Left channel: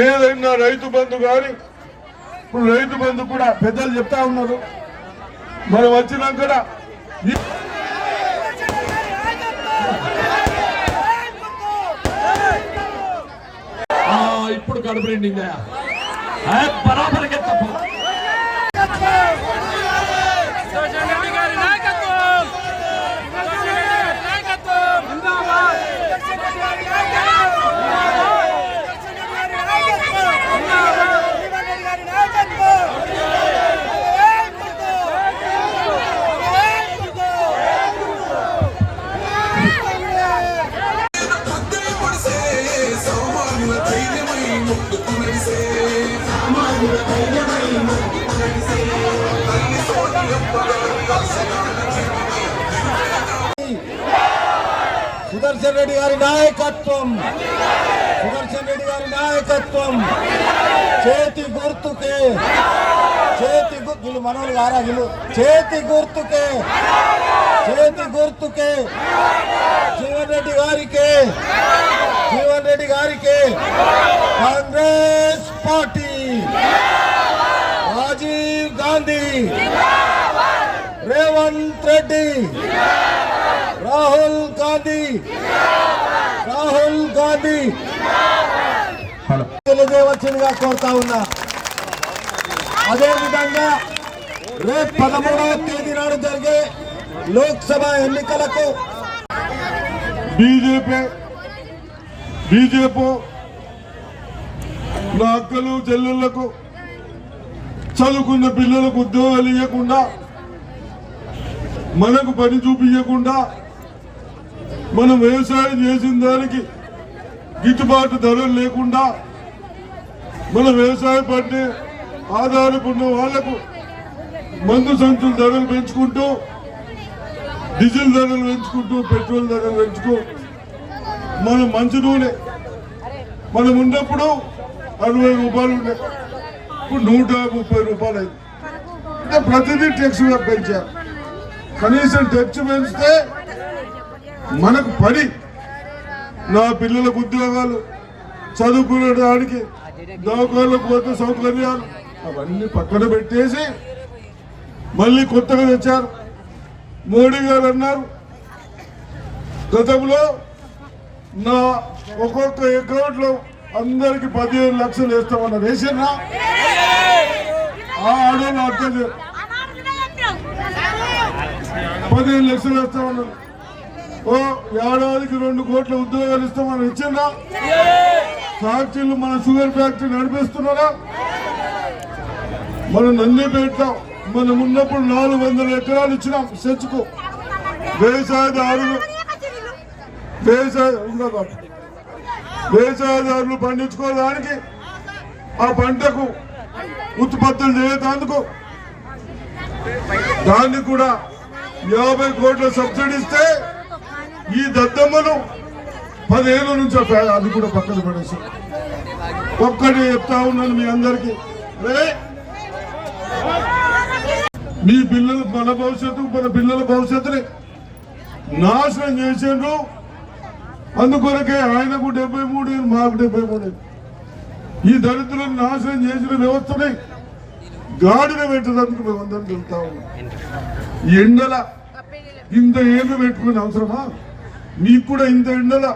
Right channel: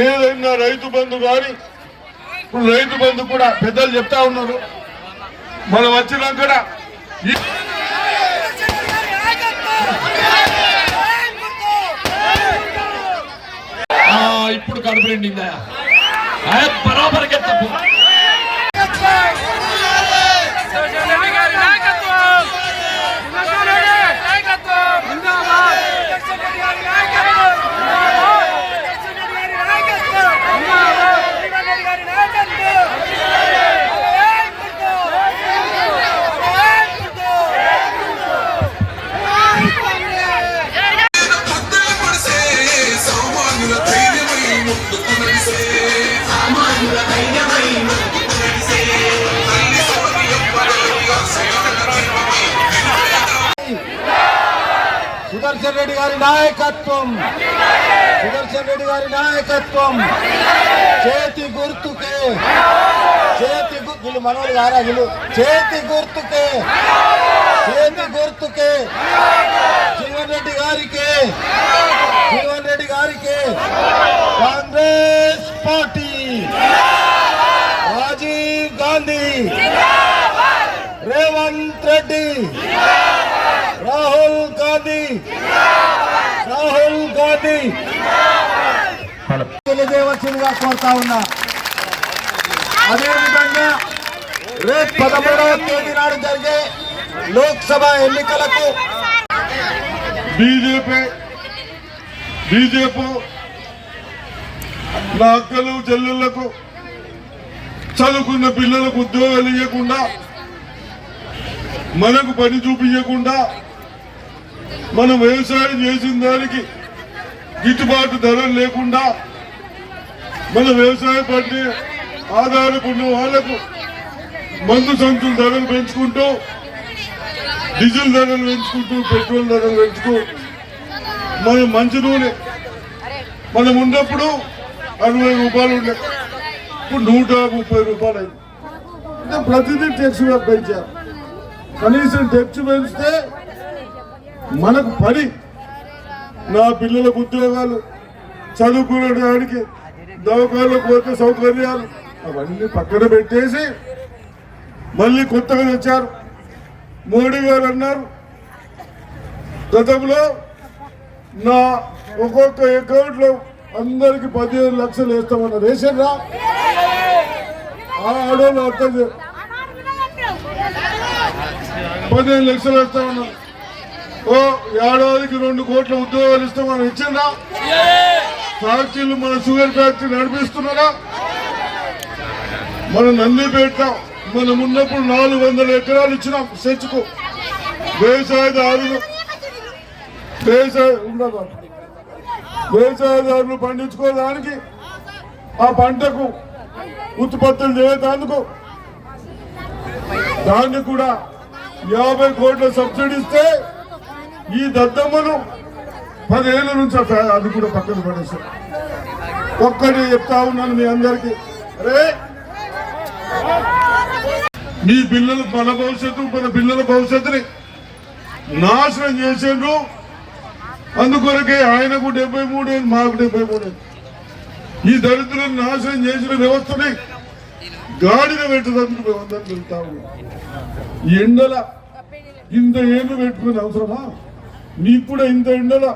ఏదైనా రైతు బంధు కానీ ఇప్పుడు రైతు బంధు కూడా పెద్దలు చెప్తా ఉన్నారు. మనం వచ్చినాక కూడా ఇప్పుడు కడుపు నిండిందా ఏ, బరాబర్ సుదర్శన్ రెడ్డి గారి నాయకత్వం. సుదర్శన్ రెడ్డి గారి నాయకత్వం. చేతి గుర్తుకే. చేతి గుర్తు వీళ్ళు మనోళ్ళు గారా వీళ్ళు చేతి గుర్తుకే. చేతి గుర్తుకే? జీవన్ రెడ్డి గారికి. జీవన్ రెడ్డి గారికి. కాంగ్రెస్ పార్టీ. రాజీవ్ గాంధీ. రేవంత్ రెడ్డి. రాహుల్ గాంధీ. రాహుల్ గాంధీ. తెలియజేయవలసిందిగా కోరుతా ఉన్నా. అదే విధంగా రేపు పదమూడవ తేదీ నాడు జరిగే లోక్సభ ఎన్నికలకు బీజేపీ బీజేపీ నా అక్కలు చెల్లెళ్ళకు చదువుకున్న పిల్లలకు ఉద్యోగాలు ఇవ్వకుండా మనకు పని చూపించకుండా మనం వ్యవసాయం చేసిన దానికి గిట్టుబాటు ధరలు లేకుండా మన వ్యవసాయ పంట ఆధారపడిన వాళ్ళకు మందు సంచుల ధరలు పెంచుకుంటూ డీజిల్ ధరలు పెంచుకుంటూ పెట్రోల్ ధరలు పెంచుతూ మనం మంచి నూనె. మనం ఉన్నప్పుడు అరవై రూపాయలు ఉండే. ఇప్పుడు నూట ముప్పై రూపాయలు అయింది. అంటే ప్రతిదీ ట్యాక్స్ పెంచారు కనీసం ట్యాక్స్ పెంచితే మనకు పడి నా పిల్లలకు ఉద్యోగాలు చదువుకునే దానికి దవాఖానలకు పోతే సౌకర్యాలు అవన్నీ పక్కన పెట్టేసి మళ్ళీ కొత్తగా వచ్చారు మోడీ గారు అన్నారు గతంలో నా ఒక్కొక్క అకౌంట్లో అందరికి పదిహేను లక్షలు వేస్తామన్న వేసారా ఆ ఆడవాళ్ళు అర్థం పదిహేను లక్షలు వేస్తామన్నారు ఓ ఏడాదికి రెండు కోట్ల ఉద్యోగాలు ఇస్తామని ఇచ్చిందా ఫ్యాక్టరీలు మన షుగర్ ఫ్యాక్టరీ నడిపిస్తున్నారా? మనం నందిపేట మనం ఉన్నప్పుడు నాలుగు వందల ఎకరాలు ఇచ్చినాం సెచ్చుకు. వ్యవసాయదారులు వ్యవసాయ ఉండదు వ్యవసాయదారులు పండించుకోవడానికి ఆ పంటకు ఉత్పత్తులు చేయటానికి. దాన్ని కూడా యాభై కోట్ల సబ్సిడీ ఇస్తే ఈ దత్తమ్మను పదిహేను నుంచి అది కూడా పక్కన పడేసాం. ఒక్కటి చెప్తా ఉన్నాను మీ అందరికీ. అరే! మీ పిల్లలు మన భవిష్యత్తు మన పిల్లల భవిష్యత్తుని నాశనం చేసిండ్రు. అందుకొరకే ఆయనకు డెబ్బై మూడు మాకు డెబ్బై మూడు ఈ దరిద్రులను నాశనం చేసిన వ్యవస్థని గాడిన పెట్టడానికి మేము అందరం వెళ్తా ఉన్నాం. ఈ ఎండల ఇంత ఏళ్ళు పెట్టుకునే అవసరమా? మీకు కూడా ఇంత ఎండల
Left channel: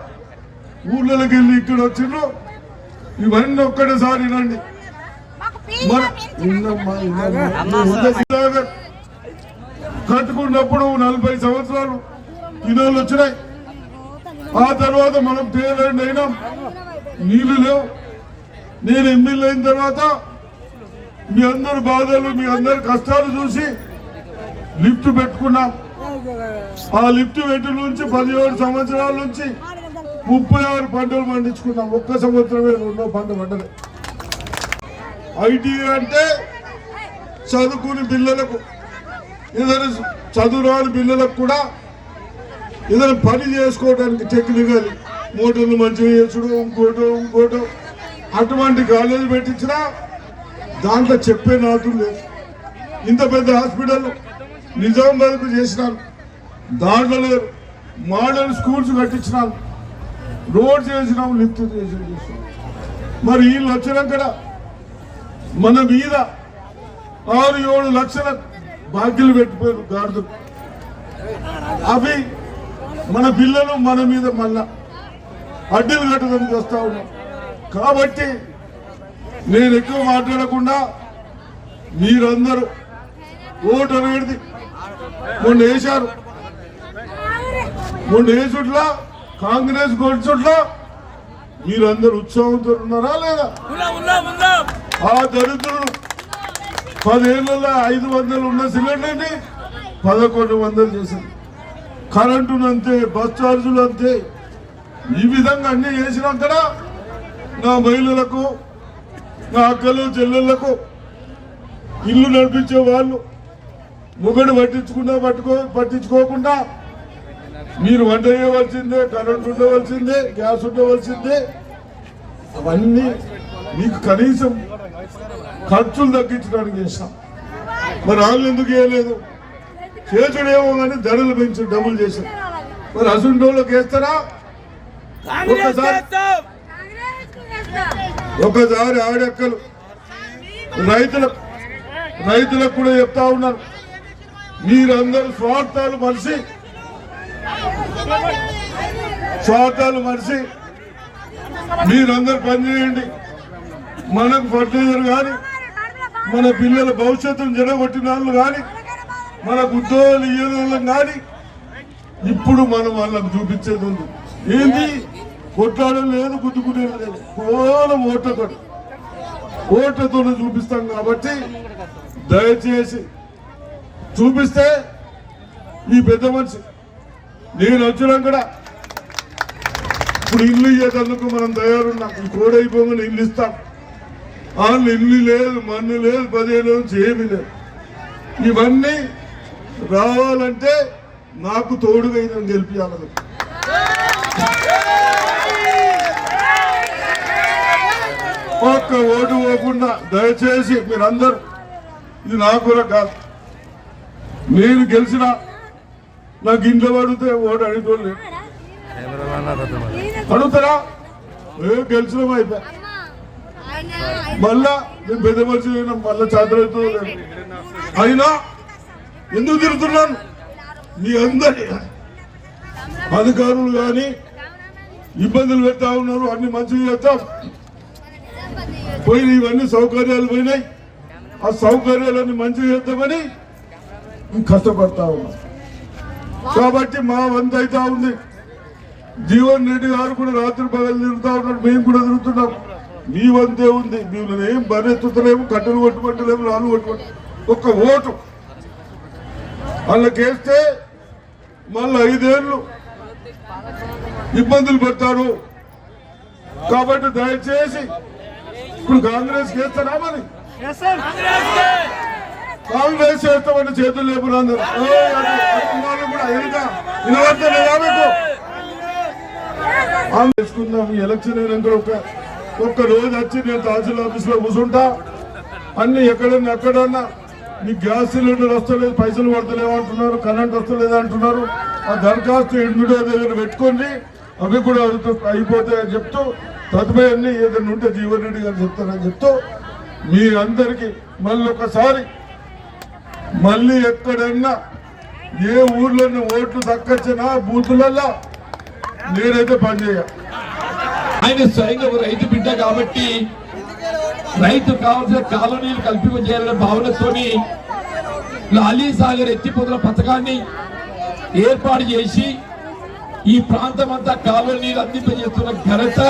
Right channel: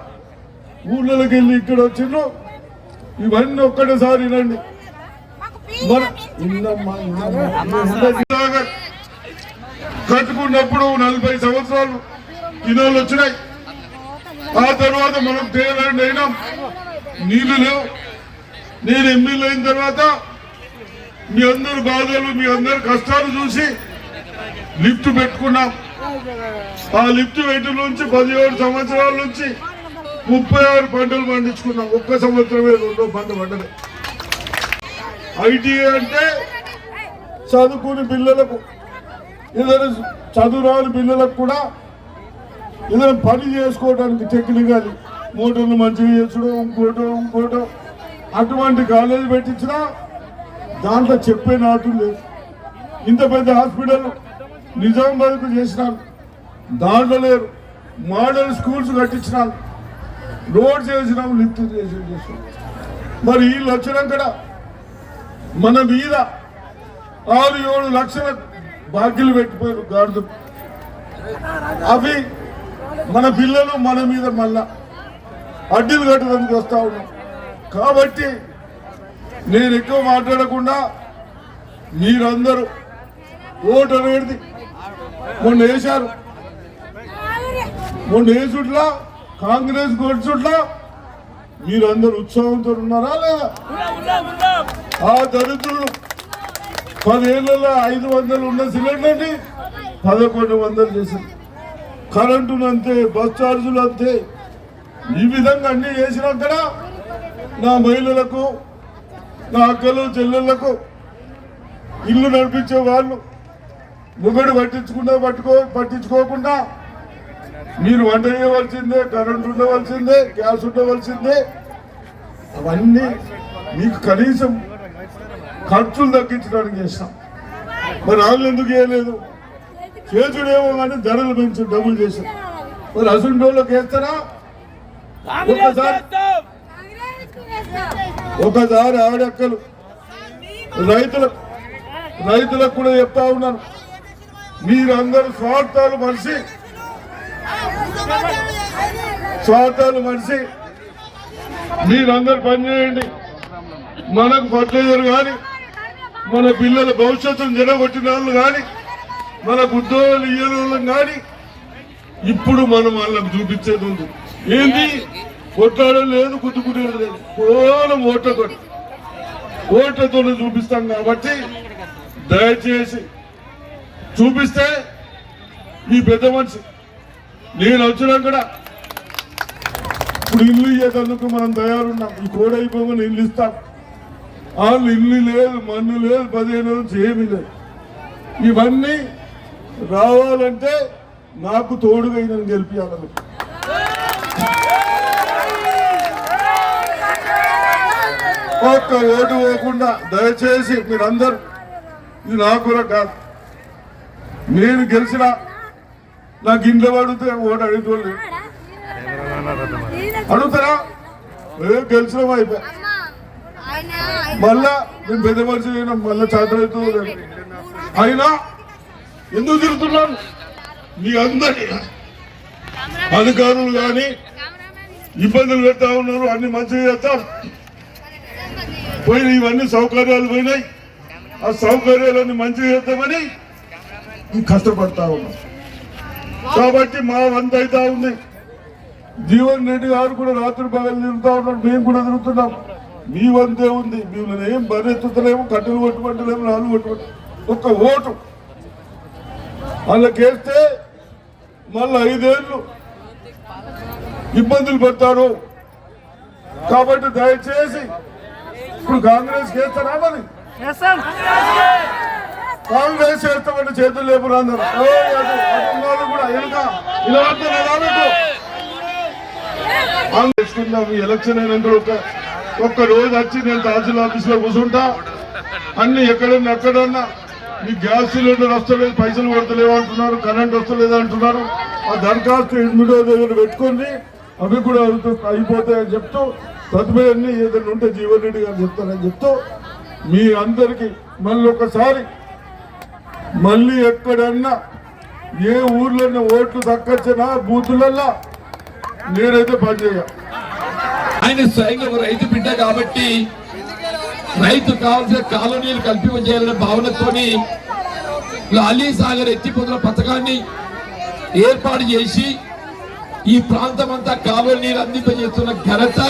ఊళ్ళకి వెళ్ళి ఇక్కడ వచ్చిండ్రు? ఇవన్నీ ఒక్కటేసారి వినండి. మన ఒకప్పుడు నలభై సంవత్సరాలు ఇదోళ్ళు వచ్చినాయి. ఆ తర్వాత మనం తేలండి అయినాం నీళ్ళు లేవు. నేను ఎమ్మెల్యే అయిన తర్వాత మీ అందరి బాధలు మీ అందరి కష్టాలు చూసి లిఫ్ట్ పెట్టుకున్నాం. ఆ లిఫ్ట్ పెట్టు నుంచి పదిహేడు సంవత్సరాల నుంచి ముప్పై ఆరు పంటలు పండించుకున్నాం. ఒక్క సంవత్సరమే రెండో పంట పండలే. ఐటీఐ అంటే చదువుకుని పిల్లలకు ఏదైనా చదువురాని పిల్లలకు కూడా ఏదైనా పని చేసుకోవడానికి టెక్నికల్ మోటార్లు మంచిగా చేసుడు ఇంకోటో ఇంకోటో. అటువంటి కాలేజీ పెట్టించినా దాంట్లో చెప్పే నాతులు లేదు. ఇంత పెద్ద హాస్పిటల్ నిజామాబాద్కు చేసినాను దాంట్లో లేరు. మోడల్ స్కూల్స్ కట్టించినాను రోడ్ చేసినాం లిఫ్ట్ చేసి చేసినాం. మరి వీళ్ళు వచ్చినాక మన మీద ఆరు ఏడు లక్షల బాకీలు పెట్టిపోయారు గాడిద. అవి మన పిల్లలు మన మీద మళ్ళా అడ్డీలు కట్టడానికి వస్తా ఉన్నాం. కాబట్టి నేను ఎక్కువ మాట్లాడకుండా మీరందరూ ఓటు అనేది మొన్న వేశారు. మొన్న వేసుట్లా కాంగ్రెస్ కొట్టుట్లా మీరందరూ ఉత్సాహంతో ఉన్నారా లేదా? ఆ దరిద్రులు పదేళ్ళలో ఐదు వందలు ఉన్న సిలిండర్ని పదకొండు వందలు చేశారు కరెంటును అంతే బస్ ఛార్జీలు అంతే ఈ విధంగా అన్ని చేసినాక నా మహిళలకు నా అక్కలు చెల్లెళ్ళకు ఇల్లు నడిపించే వాళ్ళు మొగడు పట్టించుకున్నా పట్టుకో పట్టించుకోకుండా మీరు వంట చేయవలసిందే కరెంట్ ఉండవలసిందే గ్యాస్ ఉండవలసిందే అవన్నీ మీకు కనీసం ఖర్చులు తగ్గించడానికి చేస్తాం మరి వాళ్ళు ఎందుకు చేయలేదు చేసుడేమో కానీ ధరలు పెంచి డబ్బులు చేశాం. మరి అసుంటోళ్ళకి వేస్తారా? ఒకసారి ఒకసారి ఆడక్కలు రైతులకు రైతులకు కూడా చెప్తా ఉన్నాను మీరందరూ స్వార్థాలు మనిషి. స్వార్థాలు మనిషి. మీరందరూ పనిచేయండి మనకు ఫర్టిలైజర్ కానీ మన పిల్లల భవిష్యత్తును జరగొట్టిన వాళ్ళు కానీ మనకు ఉద్యోగాలు ఇయ్యని వాళ్ళం కానీ ఇప్పుడు మనం వాళ్ళకి చూపించేది ఉంది. ఏంటి కొట్లాడడం లేదు గుద్దుకునేది లేదు. కేవలం ఓట్లతో ఓట్లతో చూపిస్తాం కాబట్టి దయచేసి చూపిస్తే ఈ పెద్ద మనిషి నేను వచ్చినా కూడా ఇప్పుడు ఇల్లు ఇయ్యేందుకు మనం తయారున్నాం. ఈ కోడ్ ఇల్లు ఇస్తాను వాళ్ళు ఇల్లు లేదు మన్ను లేదు పదిహేను నుంచి ఏమీ లేదు. ఇవన్నీ రావాలంటే నాకు తోడుగా నేను గెలిపించాలని ఒక్క ఓటు పోకుండా దయచేసి మీరందరూ ఇది నాకు కూడా కాదు. నేను గెలిచిన నాకు ఇంట్లో అడిగితే ఓటు అడుగుతుంది అడుగుతారా? ఏ గెలిచినాం అయిపోయి మళ్ళా నేను పెద్ద మనిషి అయినా మళ్ళీ చేతలవుతుందో అయినా ఎందుకు తిరుగుతున్నాను మీ అందరి అధికారులు కానీ ఇబ్బందులు పెడతా ఉన్నారు అన్ని మంచిగా చేస్తాం. పోయిన ఇవన్నీ సౌకర్యాలు పోయినాయి. ఆ సౌకర్యాలన్నీ మంచిగా చేద్దామని కష్టపడతా ఉన్నాం. కాబట్టి మా వంత అవుతా ఉంది. జీవన్ రెడ్డి గారు కూడా రాత్రి పగలు తిరుగుతా ఉన్నారు మేము కూడా తిరుగుతున్నాం. మీ వంతే ఉంది. మేము ఏం బరెత్తుతలేము కట్టెలు కొట్టుకుంటలేము నాలుగు కొట్టుకుంటాం ఒక్క ఓటు. వాళ్ళకేస్తే మళ్ళీ ఐదేళ్ళు ఇబ్బందులు పెడతారు. కాబట్టి దయచేసి ఇప్పుడు కాంగ్రెస్ చేస్తారా మరి కాంగ్రెస్ చేస్తామని చేతులు లేపురు అందరు కూడా ఎలుక చేసుకుందాం ఈ ఎలక్షన్ అయినప్పుడు ఒక ఒక్క రోజు వచ్చి నేను తహసీల్ ఆఫీస్లో కూర్చుంటా. అన్ని ఎక్కడన్నా ఎక్కడన్నా. మీ గ్యాస్ సిలిండర్ వస్తలేదు పైసలు పడతలేవు అంటున్నారు కరెంట్ వస్తలేదు అంటున్నారు. ఆ దరఖాస్తు ఇండియో దగ్గర పెట్టుకుని అవి కూడా అవుతు- అయిపోతాయని చెప్తూ తదుపరి ఏదైనా ఉంటే జీవన్ రెడ్డి గారు చెప్తారని చెప్తూ మీరందరికీ మళ్ళీ ఒకసారి మళ్ళీ ఎక్కడన్నా ఏ ఊర్లన్నా ఓట్లు దక్కచ్చినా బూతులల్లా? నేనైతే పనిచేయ ఆయన స్వయంగా ఒక రైతు బిడ్డ కాబట్టి రైతు కావాల్సిన కాలనీలు కల్పించేయాలన్న భావనతోని లాలీ సాగర్ ఎత్తిపోతుల పథకాన్ని ఏర్పాటు చేసి ఈ ప్రాంతం అంతా కాలువ నీరు అందింపజేస్తున్న ఘనత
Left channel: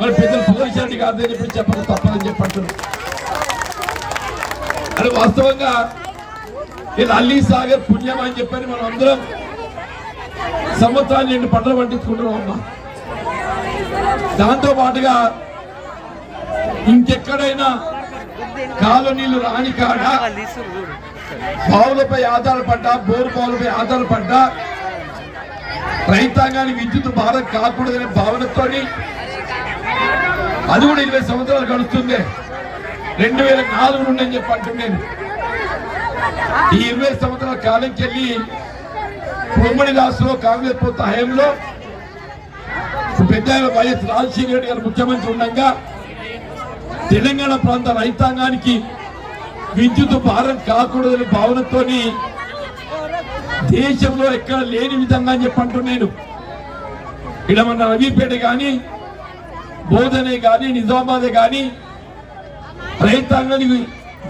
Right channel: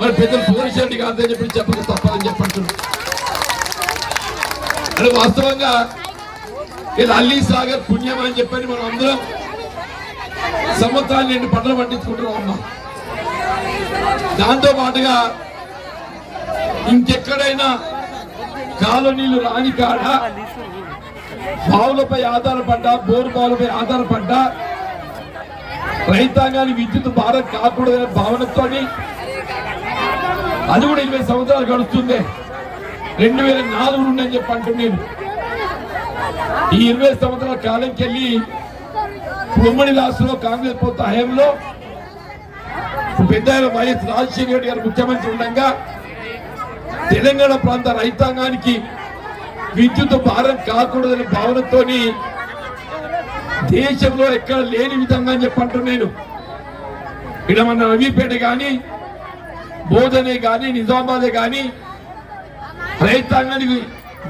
మరి పెద్దలు సుదర్శన్ రెడ్డి గారితో చెప్పి చెప్పక తప్పదని చెప్పంటున్నారు అది వాస్తవంగా ఇది అల్లీ సాగర్ పుణ్యం అని చెప్పని మనం అందరం సంవత్సరాలు రెండు పంటలు పండించుకుంటున్నాం అమ్మా. దాంతో పాటుగా ఇంకెక్కడైనా కాలనీలు రాని కాడ బావులపై ఆధారపడ్డా బోరు బావులపై ఆధారపడ్డా రైతాంగానికి విద్యుత్ భారం కాకూడదనే భావనతోని అది కూడా ఇరవై సంవత్సరాలు గడుస్తుంది. రెండు వేల నాలుగు నుండి అని చెప్పి అంటున్నాను. ఈ ఇరవై సంవత్సరాల కాలంకి వెళ్ళి ఉమ్మడి రాష్ట్రంలో కాంగ్రెస్ ప్రభుత్వ హయాంలో పెద్ద వైఎస్ రాజశేఖర రెడ్డి గారు ముఖ్యమంత్రి ఉండగా తెలంగాణ ప్రాంత రైతాంగానికి విద్యుత్ భారం కాకూడదని భావనతోని దేశంలో ఎక్కడ లేని విధంగా అని చెప్పంటూ నేను. ఇక్కడ మన రవిపేట కానీ బోధనే కానీ నిజామాబాదే కానీ రైతాంగానికి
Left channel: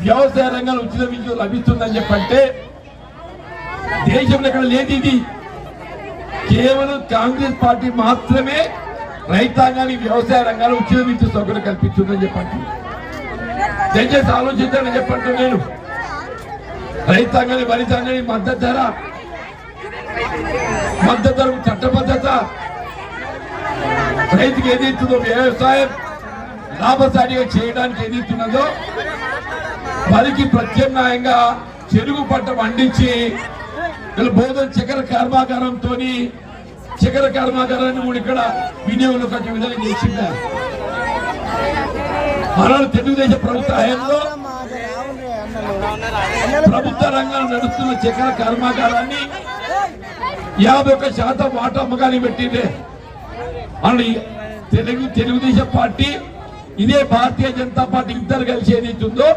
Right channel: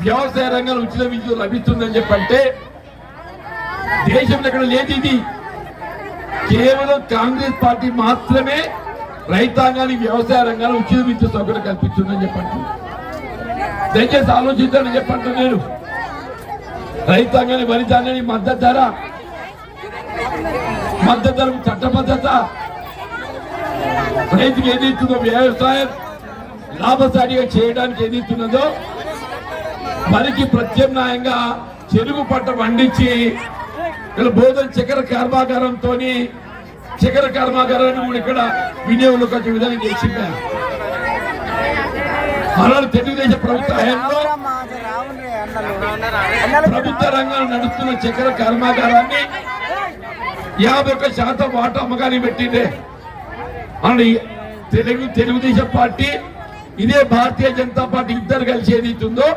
వ్యవసాయ రంగంలో ఉచిత విద్యుత్ లభిస్తుందని చెప్పంటే దేశంలో ఎక్కడ లేదు ఇది కేవలం కాంగ్రెస్ పార్టీ మాత్రమే రైతాంగానికి వ్యవసాయ రంగాన్ని ఉచిత సౌకర్యం కల్పిస్తుందని చెప్పండి దయచేసి ఆలోచించాలని చెప్పండి నేను రైతాంగాన్ని వరితాంగాన్ని మద్దతు ధర మద్దతు ధరకు చట్టబద్ధత రైతుకి ఏది ఇస్తుందో వ్యవసాయం లాభసాటిగా చేయడానికి ఏది ఇస్తున్నదో వరికి ప్రత్యామ్నాయంగా చెరుకు పంట పండించి ఇలా బోధన చక్కెర కర్మాగారంతో చక్కెర కర్మాగారాన్ని కూడా ఇక్కడ వినియోగంలోకి వచ్చే విధంగా చేసింది మన తెలుగుదేశం ప్రభుత్వ హయాంలో ప్రభుత్వ రంగంలో నడుస్తున్న చక్కెర కర్మాగారాన్ని యాభై ఒక్క శాతం వాటా పెట్టిందే మన తెలుగు తెలుగుదేశం పార్టీ ఇదే భారతీయ జనతా పార్టీ ఇద్దరు కలిసి ఏదైతుందో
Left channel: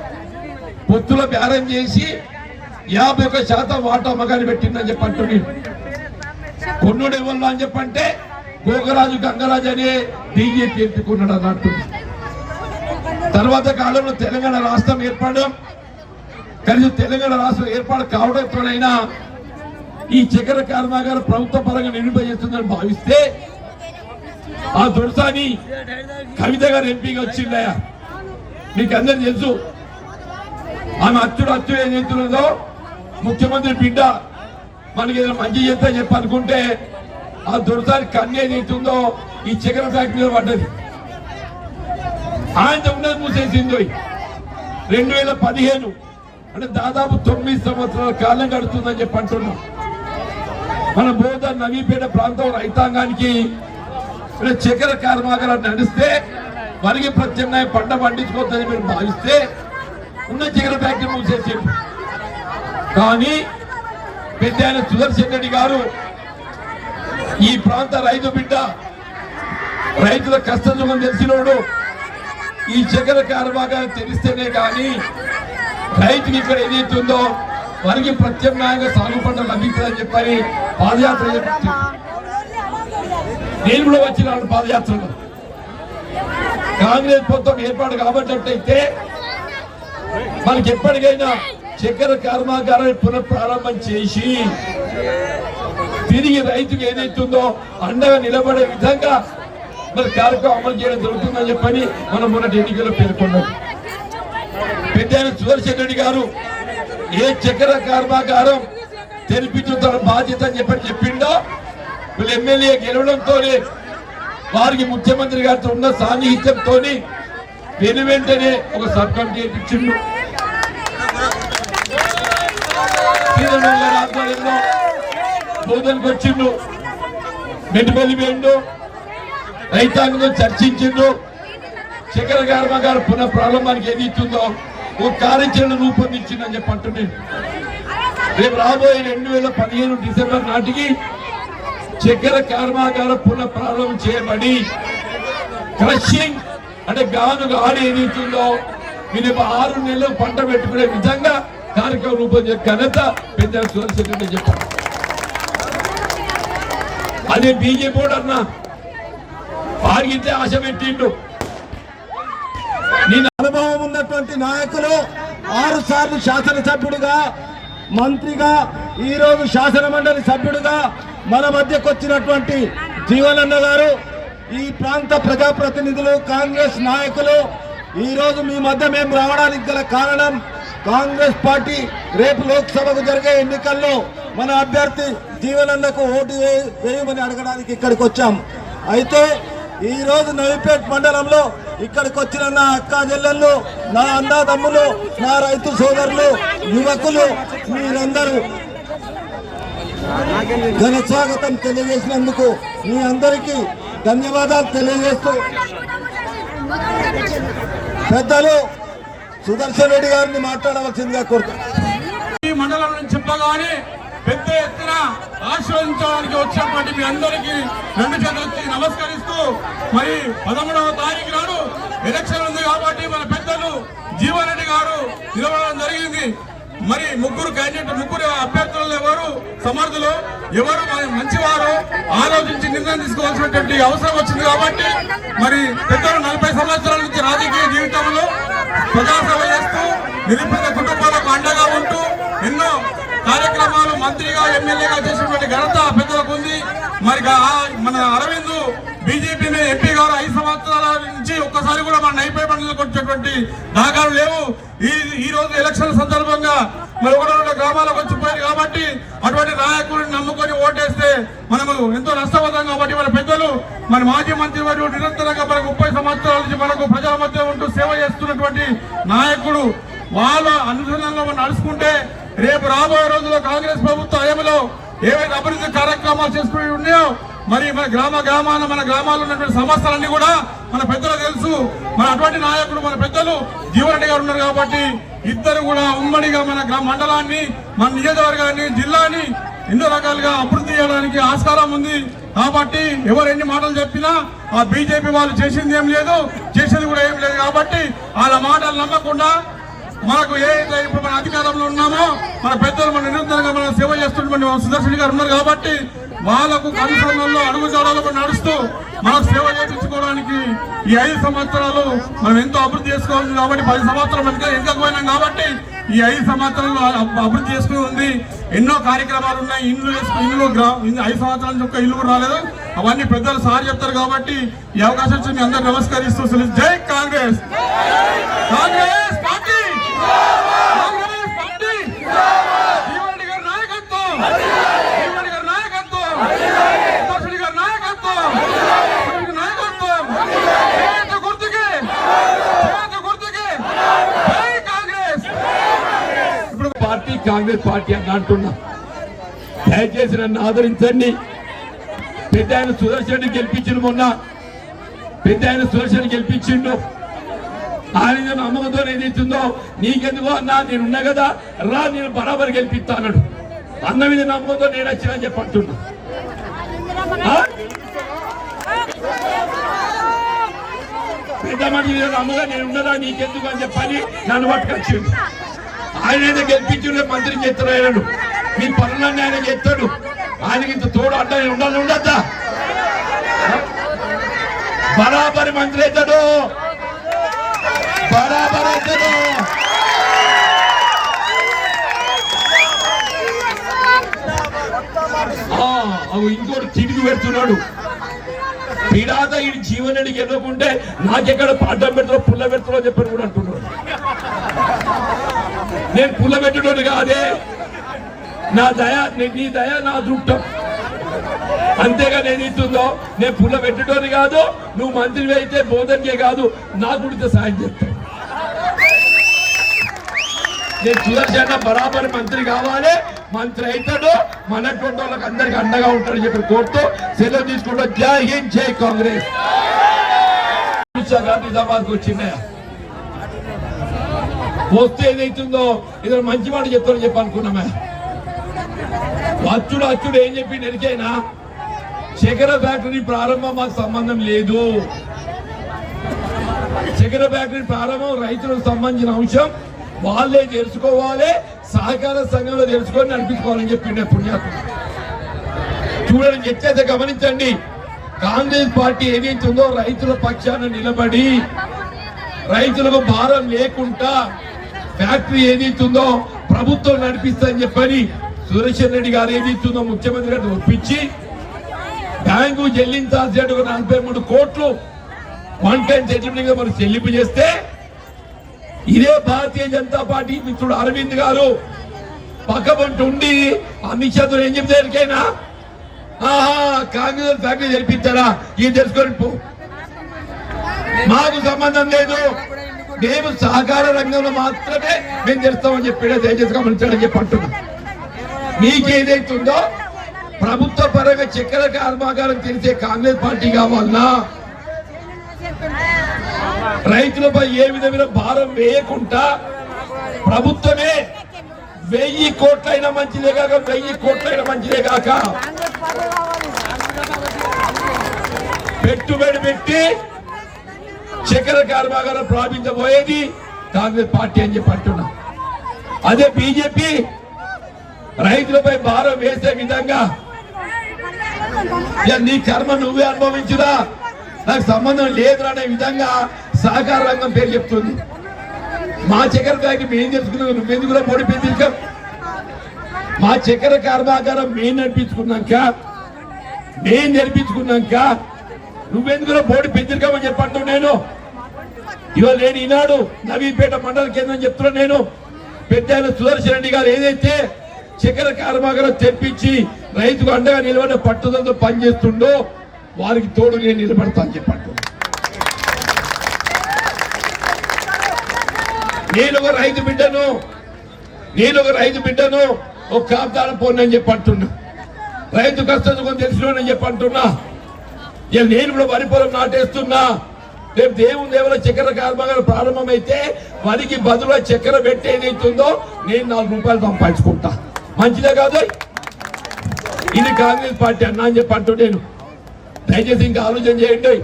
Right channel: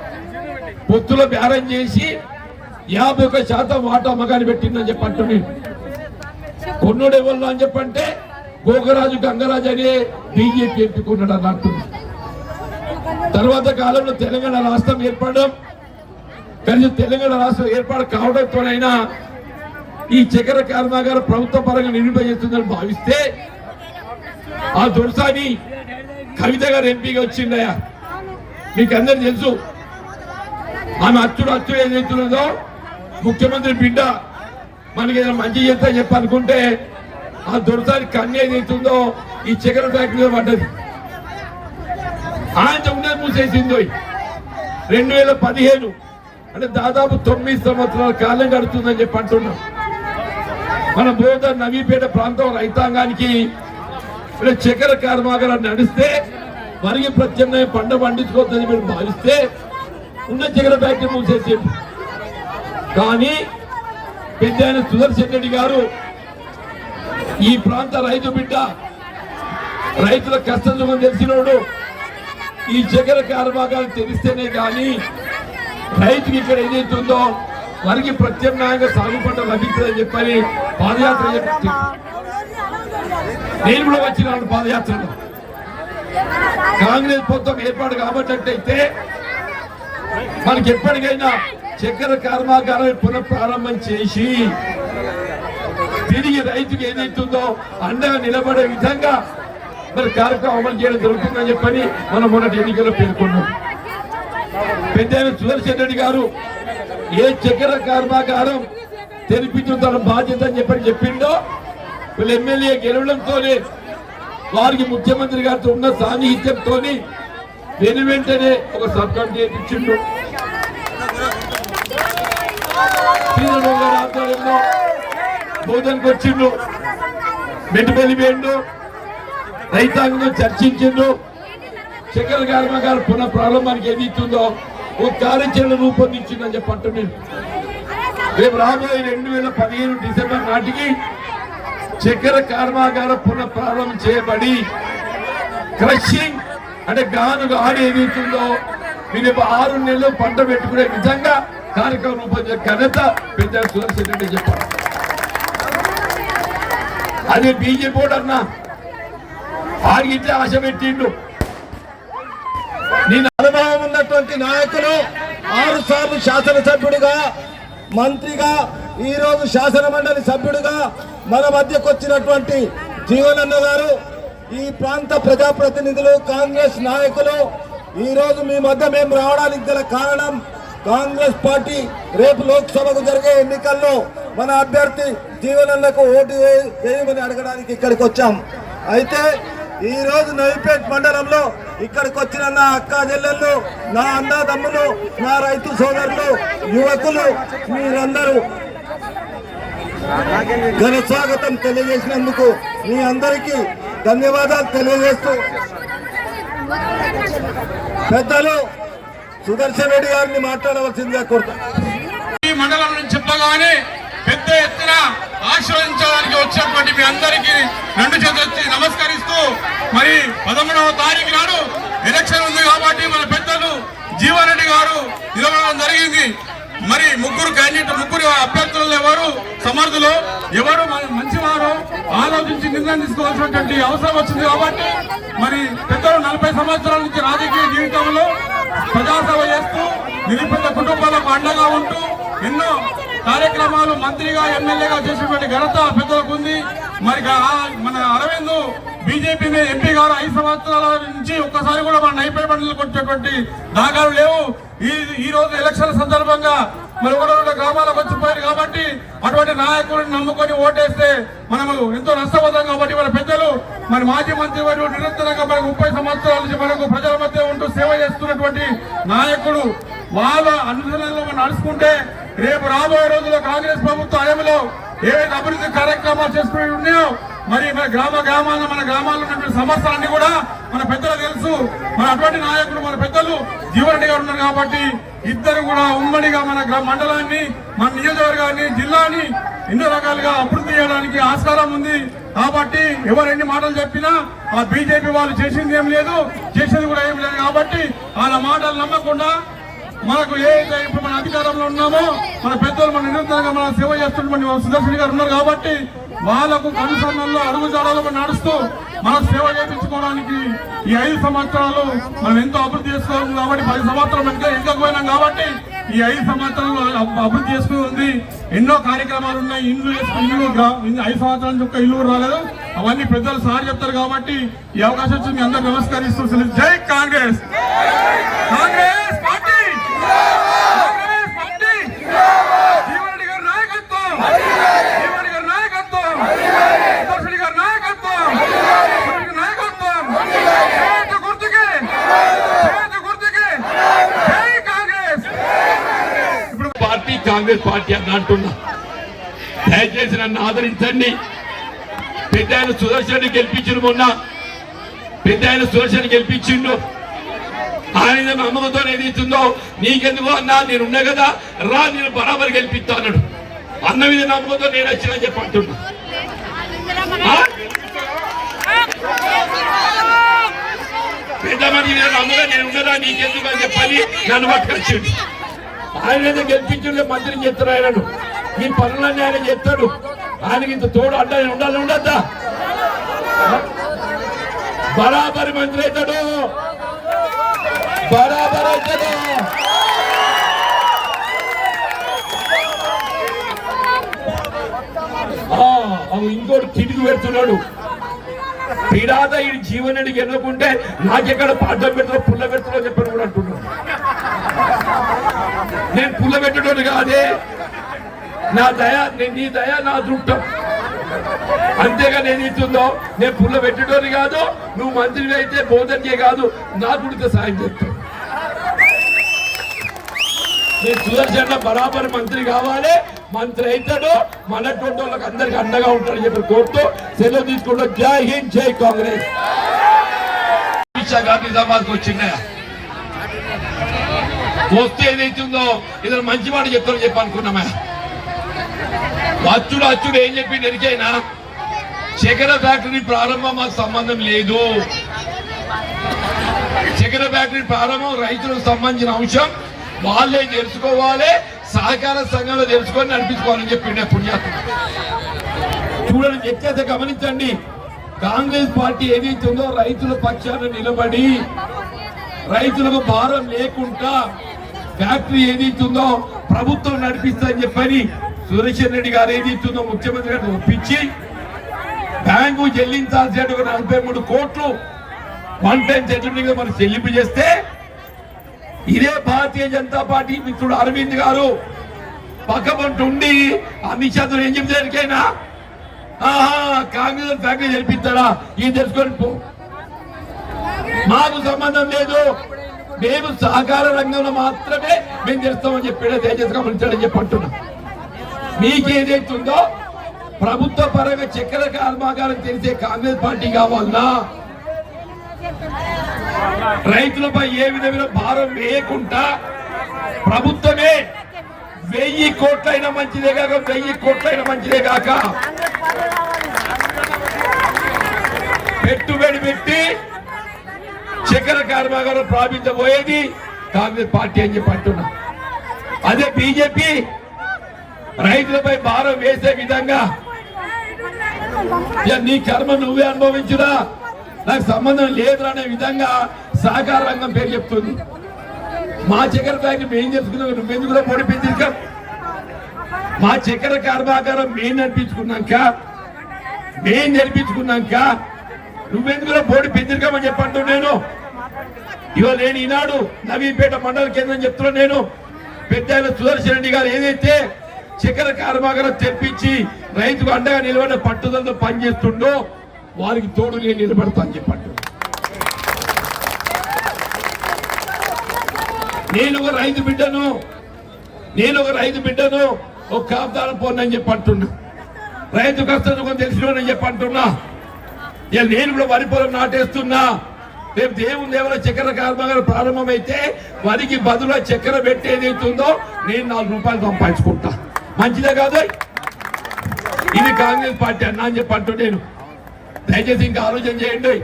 పొత్తుల బేరం చేసి యాభై ఒక శాతం వాటా మగాని పెట్టిందని చెప్పంటు మీరు కొన్నుడు ఎవరు అని చెప్పంటే గోగరాజు గంగరాజు అనే బీజేపీ ఎంచుకున్నాడు అన్నట్టు తర్వాత కాలంలో తెలంగాణ రాష్ట్రం ఏర్పడడం కలిసి తెలంగాణ రాష్ట్రం ఏర్పాటు కావడంతోనైనా ఈ చక్కెర కర్మాగారం ప్రభుత్వ పరంగా నిర్మింపజేస్తుందని భావిస్తే ఆ దొరసాని కవిత గారు ఎంపీగా వచ్చిందయ్యా మీకు అందరు తెలుసు. ఆమె అచ్చుడు అచ్చుడు ఏదైతుందో ముఖ్యమంత్రి బిడ్డ మనకి ఏదైనా మంచి చేస్తా చెప్పనుకుంటే ఆ దొరసారి కన్ను ఏదైతుందో ఈ చక్కెర ఫ్యాక్టరీలో పడ్డది. ఆయన ఉన్నది మూసేసిందో రెండు వేల పదిహేను. అంటే దాదాపు తొమ్మిది సంవత్సరాల కాలం గడుతుందని చెప్పి అంటున్నాం. మన బోధ నవీపేట ప్రాంతం రైతాంగానికి చక్కెర కర్మాగారం నడిస్తే మనకి ప్రత్యామ్నాయం పంట పండించుకోవద్దని మీరు భావిస్తే ఉన్న చక్కెర ఫ్యాక్టరీ మూసేసి కానీ పెద్దయన సుదర్శన్ రెడ్డి గారు ఈ ప్రాంత రైతు బిడ్డ రైతుల కష్టసుఖం తెలిసినోడు ఈ చక్కెర కర్మాగారం తెలిస్తేనే కానీ రైతుకి ఇక్కడ ఏదైతుందో వారికి ప్రత్యామ్నాయంగా సాగు పంట లభించదని చెప్పని పాదయాత్ర నేను కూడా వచ్చినాను పాదయాత్రలో. కాంగ్రెస్ ప్రభుత్వం ఏర్పాటు కాబట్టయితే మనకి ఎప్పటికైనా చక్కెర కర్మాగారాన్ని పునఃప్రారంభం చేసి తిరిగి రైతుకు ఏదైతుందో అండగా నిలబడే విధంగా మరి కార్యక్రమం అమలు చేయడం జరుగుతుందని చెప్పని మనం మొన్నటి ఎన్నికల్లో పేర్కొన్నాం. పెద్ద సుదర్శన్ రెడ్డి గారు ఏ చక్కెర కర్మాగారం తెరిపించుతున్న బాధ్యత అని చెప్పని చెప్పిండో వీళ్ళు ఎమ్మెల్యే గెలవడంతోనే వారికి ముఖ్యమంత్రి గారితో ఉన్న సాన్నిహిత్యంతో దీని వెంటనే ఒక సబ్ కమిటీ ఇచ్చిండు బోధనకు వచ్చిండు. మెట్టుపల్లి పోయిండు. రైతాంగంతో చర్చించిండు. చక్కెర కర్మాగారం పునః ప్రారంభానికి ఏది ఇస్తుందో ఓ కార్యాచరణ రూపొందించిందని చెప్పి అంటున్నాను రేపు రాబోయే రెండు వేల పదిహేను డిసెంబర్ నాటికి చక్కెర కర్మాగారం పునః ప్రారంభం చేయబడి క్రషింగ్ అంటే గానుగా ఆడి ఏదైతుందో మీరు ఆరు నెలలు పంట పెట్టుకునే విధంగా కార్యక్రమం రూపొందించిన ఘనత పెద్ద సుదర్శన్ చెప్పారు అదే బీజేపీ కూడా అన్నా. ఆగితే ఆశ పెట్టిండు. నేను అనుభవం ఉన్నటువంటి నాయకులు ఆరు సార్లు శాసనసభ్యుడుగా మంత్రిగా ఈ రోజు శాసన మండలి సభ్యుడిగా మన మధ్యకు వచ్చినటువంటి జీవనన్న గారు ఈ ప్రాంత ప్రజాప్రతినిధులు కాంగ్రెస్ నాయకులు ఈ రోజు మీ మధ్య మేము రావడానికి గల కారణం కాంగ్రెస్ పార్టీ రేపు లోక్సభకు జరిగే ఎన్నికల్లో మన అభ్యర్థి జీవనందకు ఓటు వేయమని అడగడానికి ఇక్కడికి వచ్చాం. అయితే ఈ రోజు నవిపేట్ మండలంలో ఇక్కడికి వచ్చిన నా అక్క చెల్లెళ్ళు నా అన్నదమ్ములు నా రైతు సోదరులు యువకులు మీరందరూ ఘన స్వాగతం తెలియజేసినందుకు మీ అందరికీ ధన్యవాదాలు తెలియజేస్తూ పెద్దలు సుదర్శన్ రెడ్డి గారిని మాట్లాడవలసిందిగా కోరుతాం ఈ మండలం నుంచి చెప్పగానే పెద్ద ఎత్తున ఆశీర్వదించడానికి వచ్చినటువంటి మీ అందరికీ రెండు చేతులు నమస్కరిస్తూ మరి పదమూడవ తారీఖు నాడు ఎలక్షన్ ఉంది కాబట్టి మన పెద్దలు జీవారెడ్డి గారు నిలవడం జరిగింది. మరి ముగ్గురు క్యాండిడేట్ ముగ్గురు అభ్యర్థులు ఎవరు? సమర్థులు ఎవరు? మంచివారు? ఆలోచించి నిర్ణయం తీసుకోవాల్సినటువంటి అవసరం వచ్చింది కాబట్టి మరి పెద్దలు నలభై సంవత్సరాల నుంచి రాజకీయ జీవితంలో ప్రజాసేవ చేస్తూ నిరుపేద కుటుంబాలకు అండగా ఉంటూ ఎన్నో కార్యక్రమాలు మంత్రిగా ఎమ్మెల్యేగా చేసినటువంటి ఘనత పెద్దలకు ఉంది. మరి మన అరవింద్ బీజేపీ ఎంపీ గారు ఐదు సంవత్సరాల నుంచి ఒక్కసారి కూడా మన నైపే బండ్లకు వచ్చేటువంటి నాగాలు లేవు. ఈ ఈ రోజు ఎలక్షన్ సందర్భంగా మరి ఒకటి రెండు గ్రామాలకు వచ్చిపోయారు కాబట్టి అటువంటి నాయకుడిని నమ్ముకొని ఓటేస్తే మనము ఎంతో నష్టపోతాం కాబట్టి మన పెద్దలు మరి మాజీ మంత్రి వారు నిరంతరంగా మనకు ముప్పై సంవత్సరాల నుంచి మనకు ప్రజల మధ్య ఉంటూ సేవ చేస్తున్నటువంటి నాయకుడు వాళ్ళ అనుసరణలో మనం నడుచుకుంటే రేపు రాబోయే రోజుల్లో కాంగ్రెస్ ప్రభుత్వ హయాంలో ఏవైతే అభివృద్ధి కార్యక్రమాలు చేసుకుని ఉన్నాయో మరి మన గ్రామ గ్రామాల మన గ్రామాల్లో ఉన్నటువంటి సమస్యలన్నీ కూడా మన పెద్దలు తెలుసు. మన అటువంటి నాయకులు మన పెద్దలు జీవరెడ్డి ఉన్నారు కాబట్టి ఇద్దరు కూడా ఉమ్మడిగా మన మండలాన్ని మన నియోజకవర్గాన్ని జిల్లాని ఎన్నో రకాలుగా అభివృద్ధి చేయడానికి ఆస్కారం ఉంది. కాబట్టి ఎవరు ఎన్ని మాటలు చెప్పినా ఆ బీజేపీ వాళ్ళు చేసింది ఏం లేదు చేసింది కూడా ఏం లేదు కాబట్టి వాళ్ళ మాటలు నమ్మకుండా మనకు ఏదైతే ఇప్పుడు మన అధికారంలో ఉన్నామో మన పెద్దలు మన నిరంతరంగా మన సేవ చేస్తున్నటువంటి మన సుదర్శన్ గారు ఉన్నారు కాబట్టి వాళ్ళకు కనుసరణలో అడుగు జాడలకు నడుస్తూ మనకు సేవ చేయించుకోవడానికి ఈ ఐదు సంవత్సరాలు మనం ఎంతో అభివృద్ధి చేసుకోవాలి కాబట్టి పది సంవత్సరాలు ఇంకా ఇంకా పోయినాం కాబట్టి ఈ ఐదు సంవత్సరాలు అభివృద్ధి చేసుకుని ఉంది. ఎన్నో కార్యక్రమాలు ఉన్నాయి. ఇల్లు వేసుకుని ఇల్లు ఐదు సంవత్సరాల నుంచి ఒక్క ఇల్లు కూడా రాలేదు. అవన్నీ పెద్దలు సార్ చెప్తారు కాబట్టి ఈ అవకాశం వచ్చి మీ అందరూ నమస్కరిస్తూ జై కాంగ్రెస్! కాంగ్రెస్! పార్టీ కాంగ్రెస్! పార్టీ గుర్తుకే గుర్తుకే కాంగ్రెస్ ఇప్పుడు పార్టీ కాంగ్రెస్ పార్టీ అని అంటున్నా. దయచేసి నన్ను ఆదరించండి. పెద్ద ఆయన సుదర్శన్ గెలిపించిండు మొన్న. పెద్ద ఆయన సుదర్శన్ గెలిపించిండు. ఆయన నమ్మకంతో ఏదైతుందో నీకెందుకు అన్నా? నేను ఉన్నా కదా. రా నేను బరాబర్ గెలిపిస్తా అన్నాడు. అన్న మీద నమ్మకంతో నేను వచ్చినా చెప్పి అంటున్నా ఆ? పెద్ద మనిషి మీద నమ్మగా నీకెందుకు అని చెప్పని నన్ను పట్టుకొచ్చిండు. ఆయన ఏదో గెలిపించుండే మంత్రి చెప్తారు ఆయనను. మీ పనులన్నీ ఆయన చెప్తాడు. ఆయనకి ఇంత తోడు అడ్డ ఉండాలి? ఉండద్దా? బరాబరి మంత్రి అవుతాడు బరాబర్ అవుతాడు ఆ, అవి ఇంకోటి తిరిగి పెడుతున్నాడు. పీడాద ఈ జీవనాన్ని ఎన్నుకుంటే నాకెక్కడ అడ్డం పెడతారో పుల్ల పెడతారో చెప్పారు అంటున్నాడు. నేను పుల్ల పెట్టడం కాదే. నా దయ నీ- నీ దయ నా దృష్టం అంతేగా నేను ఇస్తుందో నేను పుల్ల పెట్టడం కాదు నువ్వు మంత్రి అయితే బోధనకే కాదు నాకు సాయం చేస్తావు. నేను సుదర్శన బరాబర్ మంత్రి కావాలి. మంత్రి అవుతాడు. మనటువంటి వాళ్ళకి అందరికి అండగా ఉంటాడని చెప్పి కోరుతూ సెలవు తీసుకుంటూ జై హింద్ జై కాంగ్రెస్. అమిత్ వచ్చిందా వస్తే ఏదైతుందో ఇద్దరు మంచి మాట చెప్తారని చెప్పి అనుకున్నామా. అచ్చుడు అచ్చుడు ఏం చెప్పి నెరికైనా చక్కెర ఫ్యాక్టరీ ప్రారంభం మాకు సంబంధం లేదు. చక్కెర ఫ్యాక్టరీ ప్రారంభం రైతులకు సంబంధించిన అంశం. వాళ్ళే తెలుసుకోవాలి సహకార సంఘంలో తెలుసుకొని నడిపించుకోవాలని చెప్పిండే పుణ్యాత్మ చూడండి చెప్తే గమనించండి. కాంగ్రెస్ పార్టీ ఏదైతుందో రైతుల పక్షాన నిలబడి రైతులకు భారం లేకుండా ఫ్యాక్టరీ ఏదైతుందో ప్రభుత్వం నడిపిస్తుందని చెప్పని సురేష్ రెడ్డి గారు ఏదైతుందో ముఖ్యమంత్రి గారిని ఒప్పించి బ్యాంకు చెల్లించాల్సిన ఒక నలభై మూడు కోట్లు వన్ టైం సెటిల్మెంట్ మనకు చెల్లింపు చేస్తే ఇదే భారతీయ జనతా పార్టీ మిత్రుడు అరవింద్ గారు పక్కపంట ఉండి అమిత్ షాతో ఏం చెప్తారికైనా ఆహా కాంగ్రెస్ ఫ్యాక్టరీ జరిపిస్తాడా ఇది తెలుసుకొని పో. మాకు సంబంధం లేదు. మేము సహకార రంగంలో మాత్రమే మేము చేస్తామని చెప్పి దయచేసి గమనించడం చెప్పి అంటున్నా. మీకేదైతుందో ప్రభుత్వ పరంగా చక్కెర కర్మాగారం తెలిసే కాంగ్రెస్ పార్టీ కావాలన్నా రైతులపై ఏ విధమైన భారం వేయకుండా ప్రభుత్వమే వెయ్యి కోట్లైనా మంచిదే కాక వెయ్యి కోట్లైనా మంచిదే కాక పెట్టుబడి పెట్టి చక్కెర కర్మాగారం ప్రారంభించబోయేది కాంగ్రెస్ పార్టీ అని చెప్పి అంటున్నా. అదే బీజేపీ రైతులపై భారం వేసే విధంగా ఇక నీ కర్మ నువ్వే అనుభవించురా. నాకు సంబంధం లేదు అనే విధంగా సహకార రంగం పేరు చెప్తుంది. మా చక్కెర ఫ్యాక్టరీ మేము చెప్పుకున్నాం నువ్వెందుకు కూడా పొడి పెంచిక మా చక్కెర కర్మాగారం మేము నడిపించుకున్నాక మేము జరిపించుకున్నాక నువ్వెందుకు కూడా బోర్డు పెంచిరికామని చెప్పంటూ నేను. ఇవాళ నేను ఈనాడు నవీపేట మండల కేంద్రం చెప్తున్నా నేను. పెద్ద ఆయన సుదర్శన్ రెడ్డి గారు ఏదైతే చక్కెర కర్మాగారం తెప్పించి రైతుకు అండగా నిలబడిన పట్టుదలతో పనిచేస్తుండో వారికి తోడు నేను నిలబడతాను చెప్పండి నేను ఒక రైతు బిడ్డను. నేను ఒక రైతు బిడ్డను. ఒక కాపుదాన పోనని చెప్పి అంటున్నా రైతు కష్టం సుఖం తెలిసినని చెప్పి అంటున్నా. నేను కూడా వరి పొలం నాటేస్తున్నా. రేపు దేవుని దేవుల చక్కెర కర్మగారు ప్రారంభమైతే వరికి బదులు చక్కెర పెట్టేదైతుందో నేను నాలుగు రూపాయలు సంపాదించుకుంటా. మంచిదే కాదు? ఇది కాంగ్రెస్ పార్టీ అన్నా అని చెప్పి అంటూ నేను. దయచేసి ఇంకా ఆలోచన చేయండి.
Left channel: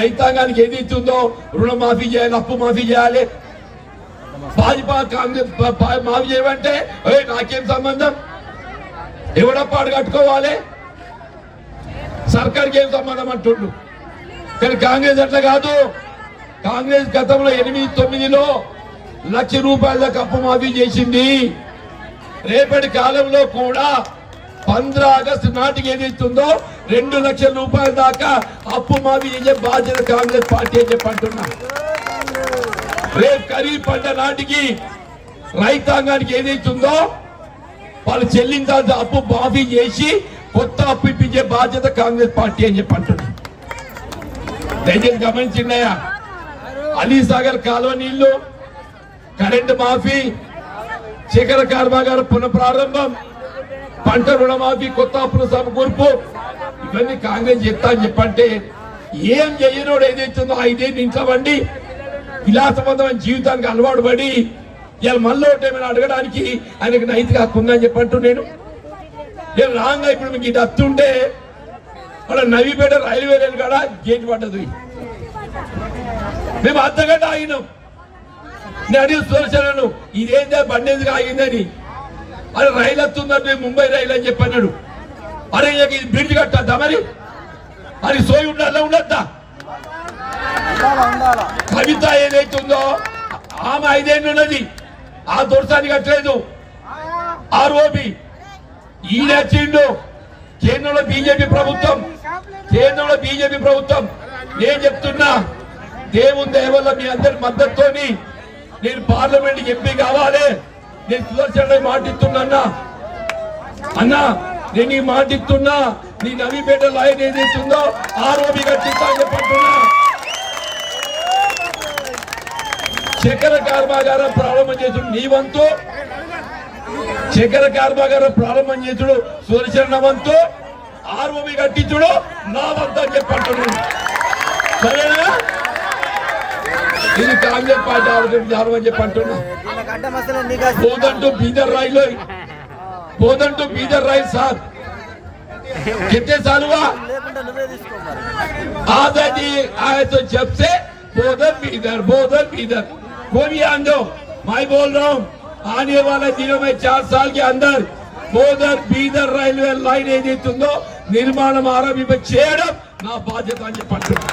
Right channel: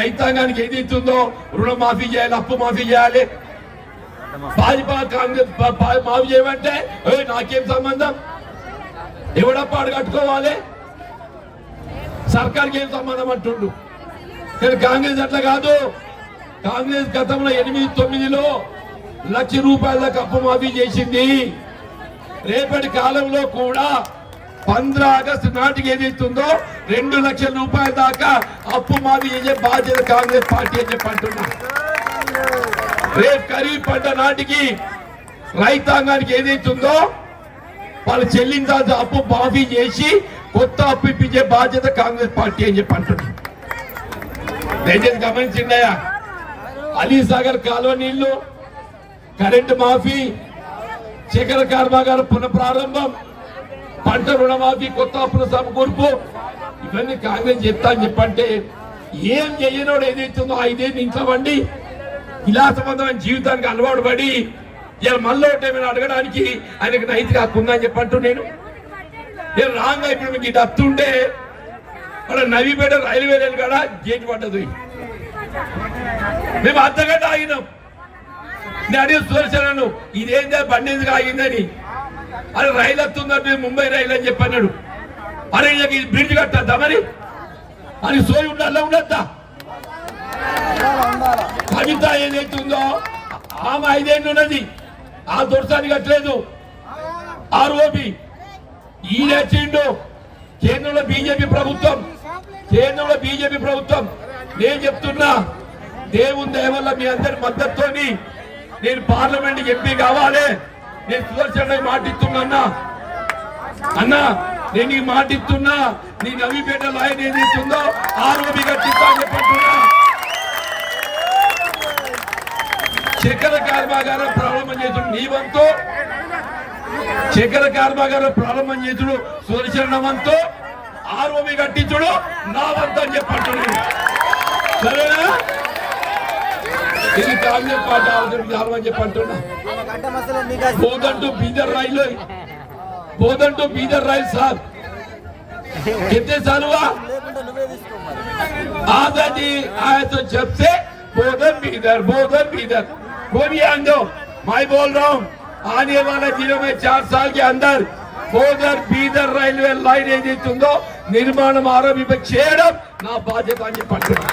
రైతాంగానికి ఏది ఇస్తుందో రుణమాఫీ చేయాలి అప్పు మాఫీ చేయాలి భాజపా కాంగ్రెస్ మావి మాఫీ చేయమంటే నాకేం సంబంధం? ఎవడప్పాడు కట్టుకోవాలి? సర్కార్కి ఏం సంబంధం? అంటుండు. కానీ కాంగ్రెస్ అట్లా కాదు. కాంగ్రెస్ గతంలో ఎనిమిది తొమ్మిదిలో లక్ష రూపాయల అప్పు మాఫీ చేసింది. రేపటి కాలంలో కూడా పంద్ర ఆగస్టు నాటికి ఏదైతుందో రెండు లక్షల రూపాయల దాకా అప్పు మాఫీ చేసే బాధ్యత కాంగ్రెస్ పార్టీ అని చెప్పి రేపు ఖరీఫ్ పంట నాటికి రైతాంగానికి ఏదైతుందో వాళ్ళు చెల్లించాల్సిన అప్పు మాఫీ చేసి కొత్త అప్పు ఇప్పించే బాధ్యత కాంగ్రెస్ పార్టీ అని చెప్పి అంటున్నారు. దయచేసి గమనించిండయా కాలువ నీళ్ళు కరెంటు మాఫీ శిఖర కర్మాగారం పునఃప్రారంభం పంట రుణమాఫీ కొత్త అప్పుల సమకూర్పు ఇవన్నీ కాంగ్రెస్ చెప్తా అని చెప్పంటే ఏం చెయ్యనోడు ఏదైతుందో ఐదేళ్ళు నించవండి. విలాసవంతమైన ఇలా జీవితానికి అలవాటు పడి ఇలా మళ్ళీ ఒకటి ఏమైనా అడగడానికి ఆయనకు నైతిక హక్కు ఉందని చెప్పంటూ నేను. నేను రాంగా ఇప్పుడు మీకు ఇటు అత్తుంటే మన నవీపేట రైల్వే రైలు కాడ గేట్ పడ్డది. మేము అర్ధగంట ఆగినాం. నేను అడిగి సుదర్శనను ఇదేందే బండి ఎందుకు ఆగిందని? అరే రైలు వస్తుందంటే ముంబై రైలు అని చెప్పన్నాడు అరే ఇది బ్రిడ్జ్ కట్టద్దా మరి? అది సోయి ఉండాలా ఉండద్దా? కవిత ఏదైతుందో ఆమె ఐదేళ్ళు ఉన్నది. ఆ దొరసాని కట్టలేదు. ఆర్ఓబి ఈయన వచ్చిండు. కేంద్రంలో బీజేపీ ప్రభుత్వం. కేంద్రంలో బీజేపీ ప్రభుత్వం. నేను చెప్తున్నా దేవుని దయవల్ల మీ అందరి మద్దతుతోని నేను పార్లమెంట్ ఎంపీ కావాలి. నేను సుదర్శన మాటిస్తున్నా అన్నా అన్నా నేను నీ మాటిస్తున్నా. నీ నవీపేట లాయన్ ఏదైతుందో ఆరోపి కట్టిస్తా అని చెప్పంటున్నా. చక్కెర కర్మాగారం ప్రారంభం చేసుడు నీ వంతు చక్కెర కర్మాగారం ప్రారంభం చేసుడు సుదర్శన వంతు ఆర్ఓబి కట్టించుడు నా వంతు అని చెప్పంటున్నాను సరేనా ఇది కాంగ్రెస్ పార్టీ ఆలోచన విధానం అని చెప్పంటున్నా బోధంటూ బీదర్ రాయిలో బోధంటూ బీదర్ రాయి సార్ कितने साल हुआ आजादी आए तो जब से बोधन भी इधर बोधन भी इधर कोई भी आन दो मैं बोल रहा हूँ आने वाले दिनों में चार साल के अंदर బోధన్ బీదర్ రైల్వే లైన్ ఏదైతుందో నిర్మాణం ఆరంభింప చేయడం నా బాధ్యత అని చెప్పి అంటున్నా.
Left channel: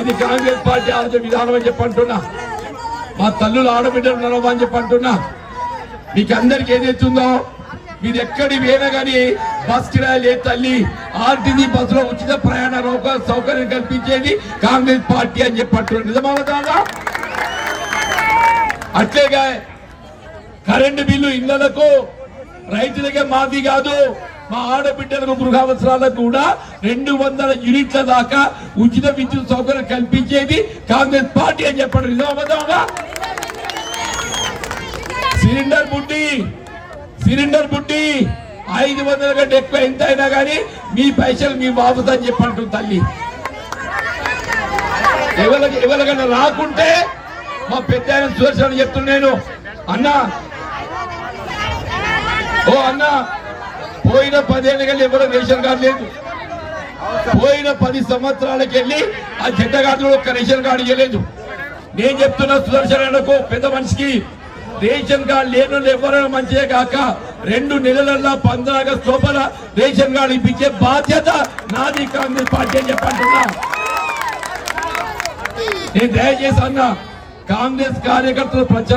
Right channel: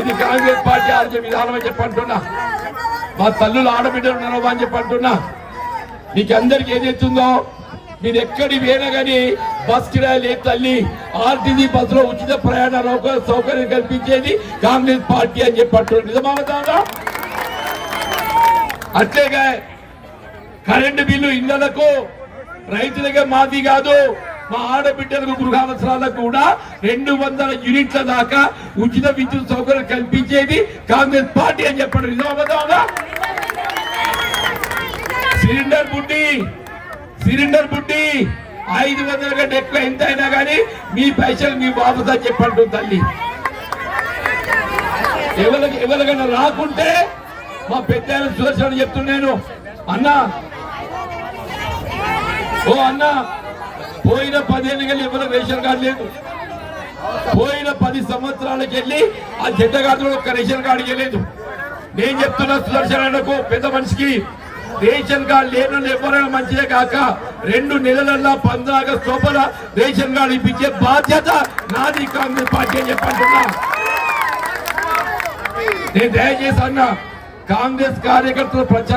ఇది కాంగ్రెస్ పార్టీ ఆలోచన విధానం అని చెప్పి అంటున్నా మా తల్లులు ఆడబిడ్డలు ఉన్నారు అని చెప్పి అంటున్నా మీకు అందరికి ఏదైతుందో మీరు ఎక్కడి పోయినా కానీ బస్ కిరాయి లేదు తల్లి. ఆర్టీసీ బస్సులో ఉచిత ప్రయాణ సౌకర్యం కల్పించేది కాంగ్రెస్ పార్టీ అని చెప్పట్టు నిజమవుతుందా అట్లేగా కరెంటు బిల్లు ఇళ్ళకు రైతులకే మాఫీ కాదు మా ఆడబిడ్డలకు గృహావసరాలకు కూడా రెండు వందల యూనిట్ల దాకా ఉచిత విద్యుత్ సౌకర్యం కల్పించేది కాంగ్రెస్ పార్టీ అని చెప్పండి నిజమవుతుందా సిలిండర్ బుడ్డి. సిలిండర్ బుడ్డి. ఐదు వందల కంటే ఎక్కువ ఎంత అయినా కానీ మీ పైసలు మీ బాబుతో అని చెప్పంటుంది తల్లి. ఎవరికి ఎవరికైనా రాకుంటే మా పెద్ద ఆయన సుదర్శన్ చెప్తున్నాను అన్నా. ఓ అన్నా పోయిన పదేళ్ళకి వెళ్ళి ఎవరో రేషన్ కార్డు లేదు. పోయిన పది సంవత్సరాలకి వెళ్ళి ఆ జెండ కార్డులో ఒక్క రేషన్ కార్డు ఇవ్వలేదు. నేను చెప్తున్నా సుదర్శన్ అన్నకు పెద్ద మనిషికి రేషన్ కార్డు లేని ఎవరైనా మంచిదే కాక రెండు నెలలల్లా పంద్రా ఆగస్టు లోపల రేషన్ కార్డు ఇప్పించే బాధ్యత నాది కాంగ్రెస్ పార్టీ అని చెప్పంటున్నా నేను దయచేసి అన్న కాంగ్రెస్ కార్యకర్తలు ప్రచారం